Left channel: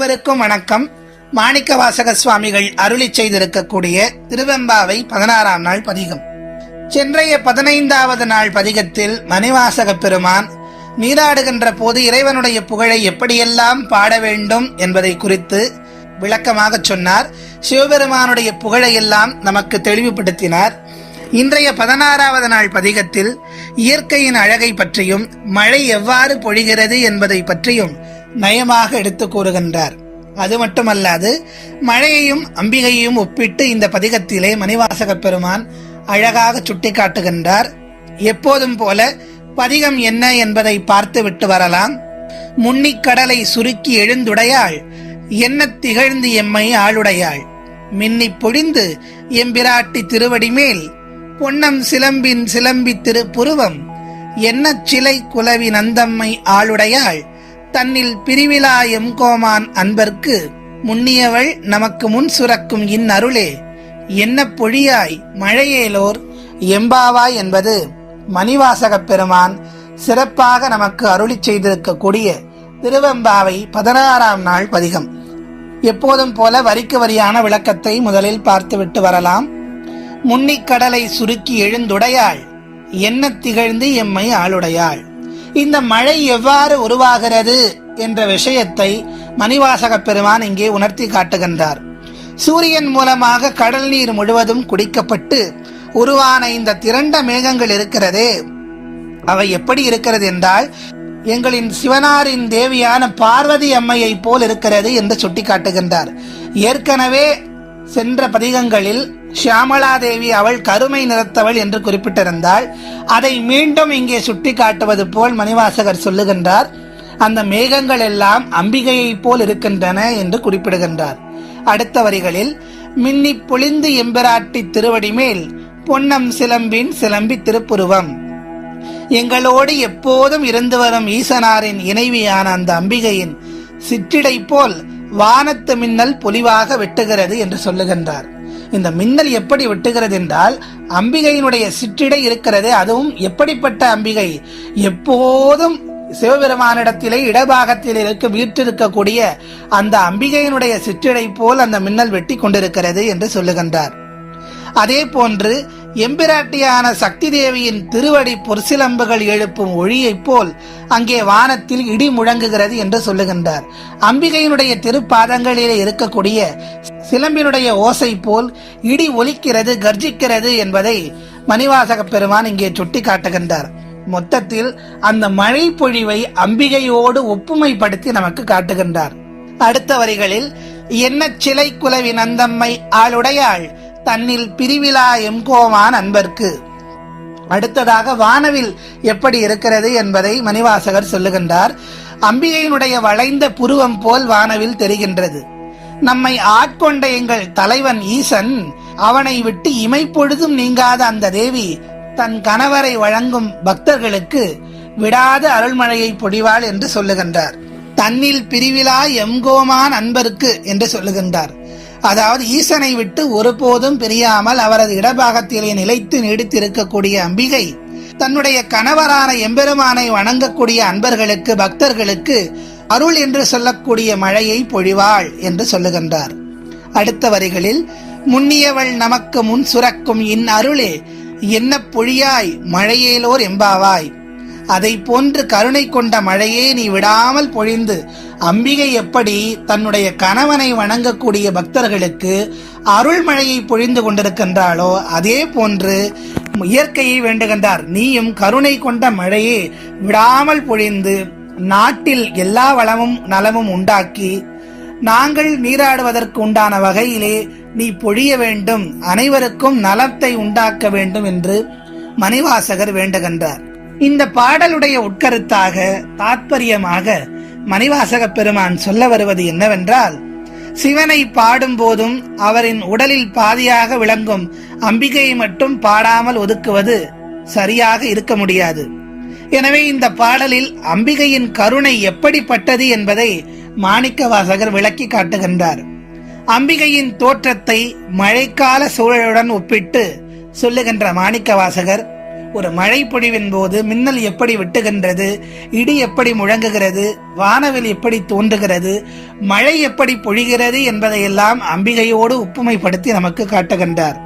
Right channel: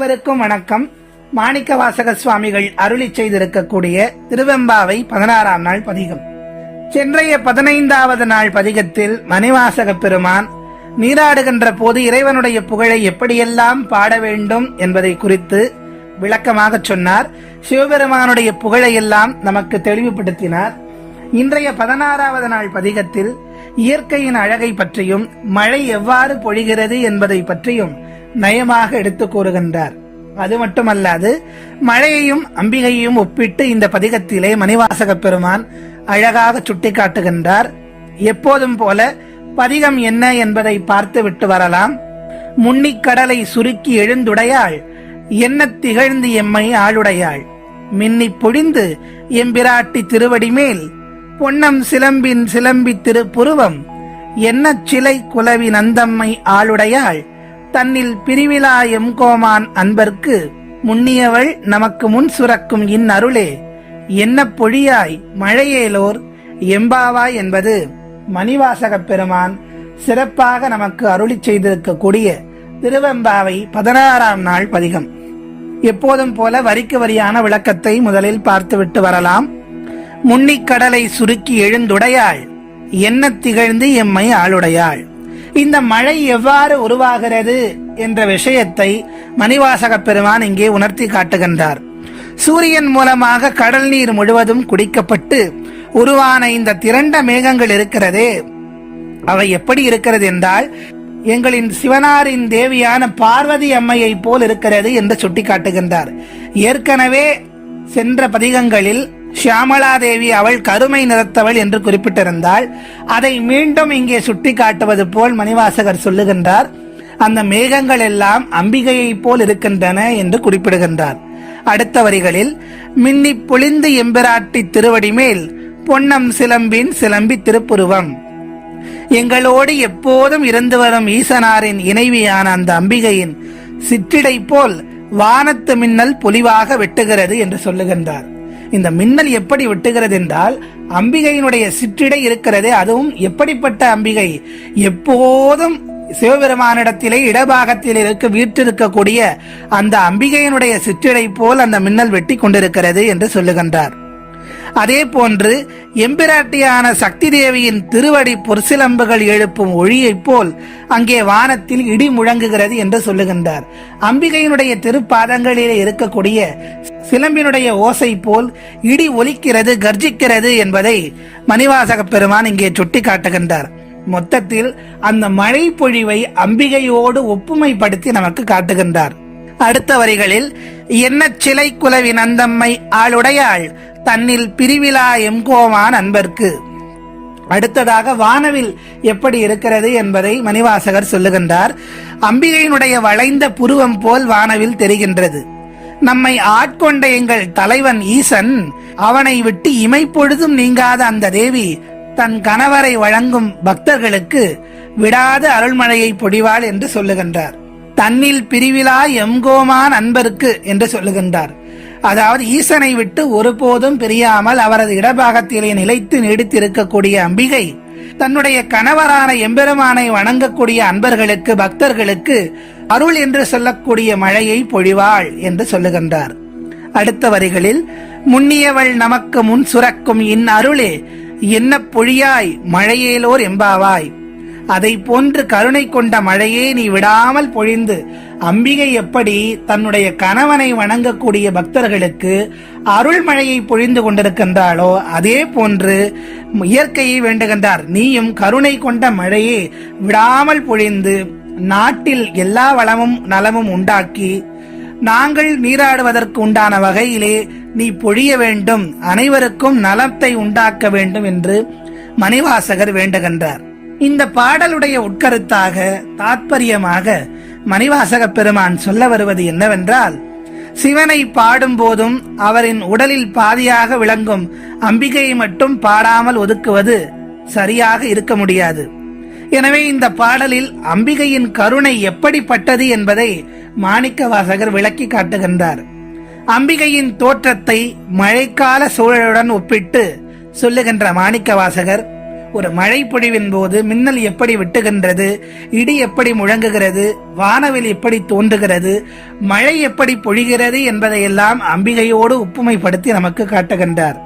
அனைவருக்கும் வணக்கம். மாணிக்கவாசக சுவாமிகள் அருளி செய்திருக்கக்கூடிய திருவெம்பாவை 16ஆம் நாள் பதிகம். சென்றைய 15வது நாள் பதிகத்தில் மணிவாசக பெருமான் நீராடுகின்ற போது இறைவனுடைய புகழை எப்படியெல்லாம் பாட வேண்டும் என்பதை குறித்து விளக்கமாக சொன்னார். சிவபெருமானுடைய புகழையெல்லாம் நமக்கு தெளிவுபடுத்தினார். இன்றைய 16வது நாள் பதிகத்தில் இயற்கையின் அழகை பற்றியும் மழை எவ்வாறு பொழிகிறது என்பதை பற்றியும் நயமாக எடுத்து கூறுகின்றார். அது மட்டுமல்லாது மழையையும் அம்பிகையையும் ஒப்பிட்டு இந்த பதிகத்திலே மணிவாசக பெருமான் அழகாக சுட்டி காட்டுகின்றார். எப்போதும் போல பதிகம் என்ன என்பதை பார்த்து விட்டு வரலாம். முன்னிக்கடலை சுருக்கி எழுந்துடையாள், என்ன திகழ்ந்து எம்மை ஆளுடையாள், மின்னி பொழிந்து எம்பிராட்டி திருவடி மேல், பொன்னம் சிலம்பின் சிலம்பி திருப்புருவம், என்ன சிலை குலவி நந்தம்மை ஆளுடையாள், தன்னில் பிரிவிலா எம்கோமான் அன்பர்க்கு, முன்னியவள் நமக்கு முன் சுரக்கும் இன்னருளே, என்ன பொழியாய் மழையேலோர் எம்பாவாய் என்பது மணிவாசக பெருமான் சிறப்பாக நமக்கு அருளி செய்திருக்கக்கூடிய திருவெம்பாவை 16ஆம் நாள் பதிகம். எப்போதும் போல வரிக்கு வரியான விளக்கத்தை முதலில் பார்த்துவிட்டு வரலாம். முன்னிக்கடலை சுருக்கி எழுந்துடையாள், என்ன திகழ்ந்து எம்மை ஆளுடையாள். இந்த மழை எவ்வாறு உருவாகிறது என்ற விஷயத்தை மணிவாசக பெருமான் இங்கே உணர்த்தி காட்டுகின்றார். சூரியன் மூலமாக கடல் நீர் முழுவதும் குடிக்கப்பட்டு உருவான இந்த திரண்ட மேகங்கள் இருக்கிறதே, அவை எப்படி இருக்கிறது என்றால் எங்களின் சிவனாரின் தேவியான பார்வதி அம்மையை போல் இருக்கிறது என்று சுட்டி காட்டுகின்றார். ஏற்கனவே சென்ற பதிகங்களில் ஷியாமலா தேவி அவள் கருமை நிறத்தவள் என்று குறிப்பிட்டிருந்தால் அதை மீண்டும் இங்கே சுட்டி காட்டுவது போல் மணிவாசகர் சொல்லுகின்றார். அந்த மேகங்கள் எல்லாம் அம்பிகையை போல் இருக்கின்றன என்று குறிப்பிடுகின்றார். அடுத்த வரிகளில் மின்னி பொழிந்து எம்பிராட்டி திருவடி மேல், பொன்னம் சிலம்பின் சிலம்பி திருப்புருவம், எங்களோடு எப்போதும் இருந்து வரும் ஈசனாரின் இணைவியான அந்த அம்பிகையின் சிற்றிடை போல் வானத்து மின்னல் பொலிவாக வெட்டுகிறது என்று சொல்லுகின்றார். இந்த மின்னல் எப்படி வெட்டுகிறது என்றால் அம்பிகையினுடைய சிற்றிடை இருக்கிறதே, அதுவும் எப்படிப்பட்ட அம்பிகை, எப்போதும் சிவபெருமானிடத்திலே இடபாகத்தில் வீற்றிருக்கக்கூடிய அந்த அம்பிகையினுடைய சிற்றிடை போல் அந்த மின்னல் வெட்டி கொண்டிருக்கிறது என்று சொல்லுகின்றார். அதே போன்று எம்பிராட்டியான சக்தி தேவியின் திருவடி பொற்சிலம்புகள் எழுப்பும் ஒளியை போல் அங்கே வானத்தில் இடி முழங்குகிறது என்று சொல்லுகின்றார். அம்பிகையினுடைய திருப்பாதங்களிலே இருக்கக்கூடிய சிலம்பினுடைய ஓசை போல் இடி ஒலிக்கிறது, கர்ஜிக்கிறது என்பதை மணிவாசக பெருமான் இங்கே சுட்டி காட்டுகின்றார். மொத்தத்தில் அந்த மழை பொழிவை அம்பிகையோடு ஒப்புமைப்படுத்தி நமக்கு காட்டுகின்றார். அடுத்த வரிகளில் என்ன சிலை குலவி நந்தம்மை ஆளுடையாள், தன்னில் பிரிவிலா எம்கோமான் அன்பர்க்கு. அடுத்ததாக வானவில் எப்படி இருக்கிறது என்பதை மணிவாசகர் சொல்லுகின்றார். அம்பிகையினுடைய வளைந்த புருவம் போல் வானவில் தெரிகின்றது. நம்மை ஆட்கொண்ட எங்கள் தலைவன் ஈசன், அவனை விட்டு இமைப்பொழுதும் நீங்காத அந்த தேவி தன் கணவரை வழங்கும் பக்தர்களுக்கு விடாத அருள்மழையை பொழிவாள் என்று சொல்லுகின்றார். தன்னில் பிரிவிலா எம்கோமான் அன்பருக்கு என்று சொல்லுகின்றார். அதாவது ஈசனை விட்டு ஒருபோதும் பிரியாமல் அவரது இடபாகத்திலே நிலைத்து நீடித்திருக்கக்கூடிய அம்பிகை தன்னுடைய கணவரான எம்பெருமானை வணங்கக்கூடிய அன்பர்களுக்கு, பக்தர்களுக்கு அருள் என்று சொல்லக்கூடிய மழையை பொழிவாள் என்று சொல்லுகின்றார். அடுத்த வரிகளில் முன்னியவள் நமக்கு முன் சுரக்கும் இன் அருளே, என்ன பொழியாய் மழையேலோர் எம்பாவாய். அதை போன்று கருணை கொண்ட மழையே நீ விடாமல் பொழிந்து, அம்பிகை எப்படி தன்னுடைய கணவனை வணங்கக்கூடிய பக்தர்களுக்கு அருள் மழையை பொழிந்து கொண்டிருக்கின்றாளோ அதே போன்று இயற்கையை வேண்டுகின்றார். நீயும் கருணை கொண்ட மழையே விடாமல் பொழிந்து நாட்டில் எல்லா வளமும் நலமும் உண்டாக்கி நாங்கள் நீராடுவதற்கு உண்டான வகையிலே நீ பொழிய வேண்டும், அனைவருக்கும் நலத்தை உண்டாக்க வேண்டும் என்று மணிவாசகர் வேண்டுகின்றார். இந்த பாடலுடைய உட்கருத்தாக தாத்பரியமாக மணிவாசக பெருமான் சொல்ல வருவது என்னவென்றால், சிவனை பாடும் போதும் அவரின் உடலில் பாதியாக விளங்கும் அம்பிகையை மட்டும் பாடாமல் ஒதுக்குவது சரியாக இருக்க முடியாது. எனவே இந்த பாடலில் அம்பிகையின் கருணை எப்படிப்பட்டது என்பதை மாணிக்கவாசகர் விளக்கி காட்டுகின்றார். அம்பிகையின் தோற்றத்தை மழைக்கால சூழலுடன் ஒப்பிட்டு சொல்லுகின்ற மாணிக்கவாசகர், ஒரு மழை பொழிவின் போது மின்னல் எப்படி வெட்டுகின்றது, இடி எப்படி முழங்குகிறது, வானவில் எப்படி தோன்றுகிறது, மழை எப்படி பொழிகிறது என்பதையெல்லாம் அம்பிகையோடு ஒப்புமைப்படுத்தி நமக்கு காட்டுகின்றார்.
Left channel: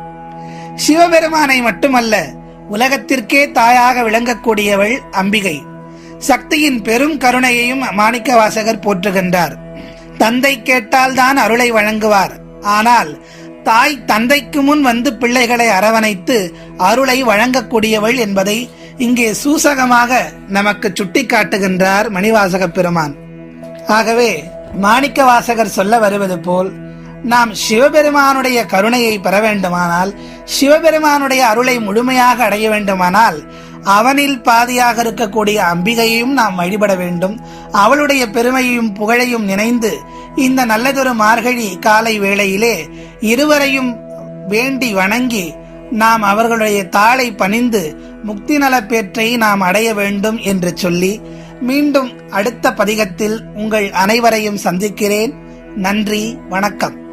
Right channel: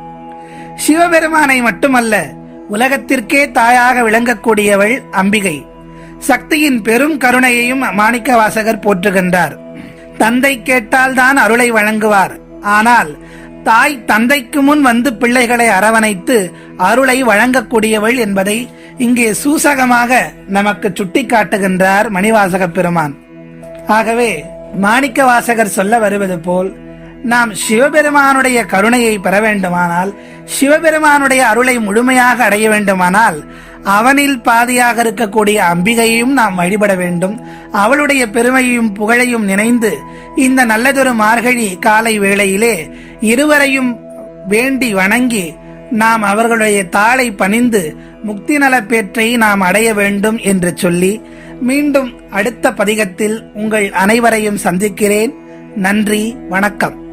சிவபெருமானை மட்டுமல்ல, உலகத்திற்கே தாயாக விளங்கக்கூடியவள் அம்பிகை. சக்தியின் பெரும் கருணையையும் மாணிக்க வாசகர் போற்றுகின்றார். தந்தை கேட்டால் தான் அருளை வழங்குவார். ஆனால் தாய் தந்தைக்கு முன் வந்து பிள்ளைகளை அரவணைத்து அருளை வழங்கக்கூடியவள் என்பதை இங்கே சூசகமாக நமக்கு சுட்டி காட்டுகின்றார் மணிவாசக பெருமான். ஆகவே மாணிக்க வாசகர் சொல்ல வருவது போல், நாம் சிவபெருமானுடைய கருணையை பெற வேண்டுமானால், சிவபெருமானுடைய அருளை முழுமையாக அடைய வேண்டுமானால், அவனில் பாதியாக இருக்கக்கூடிய அம்பிகையையும் நாம் வழிபட வேண்டும். அவளுடைய பெருமையும் புகழையும் நினைந்து இந்த நல்லதொரு மார்கழி காலை வேளையிலே இருவரையும் வேண்டி வணங்கி நாம் அவர்களுடைய தாளை பணிந்து முக்தி நலப்பேற்றை நாம் அடைய வேண்டும் என்று சொல்லி, மீண்டும் அடுத்த பதிகத்தில் உங்கள் அனைவரையும் சந்திக்கிறேன். நன்றி, வணக்கம்.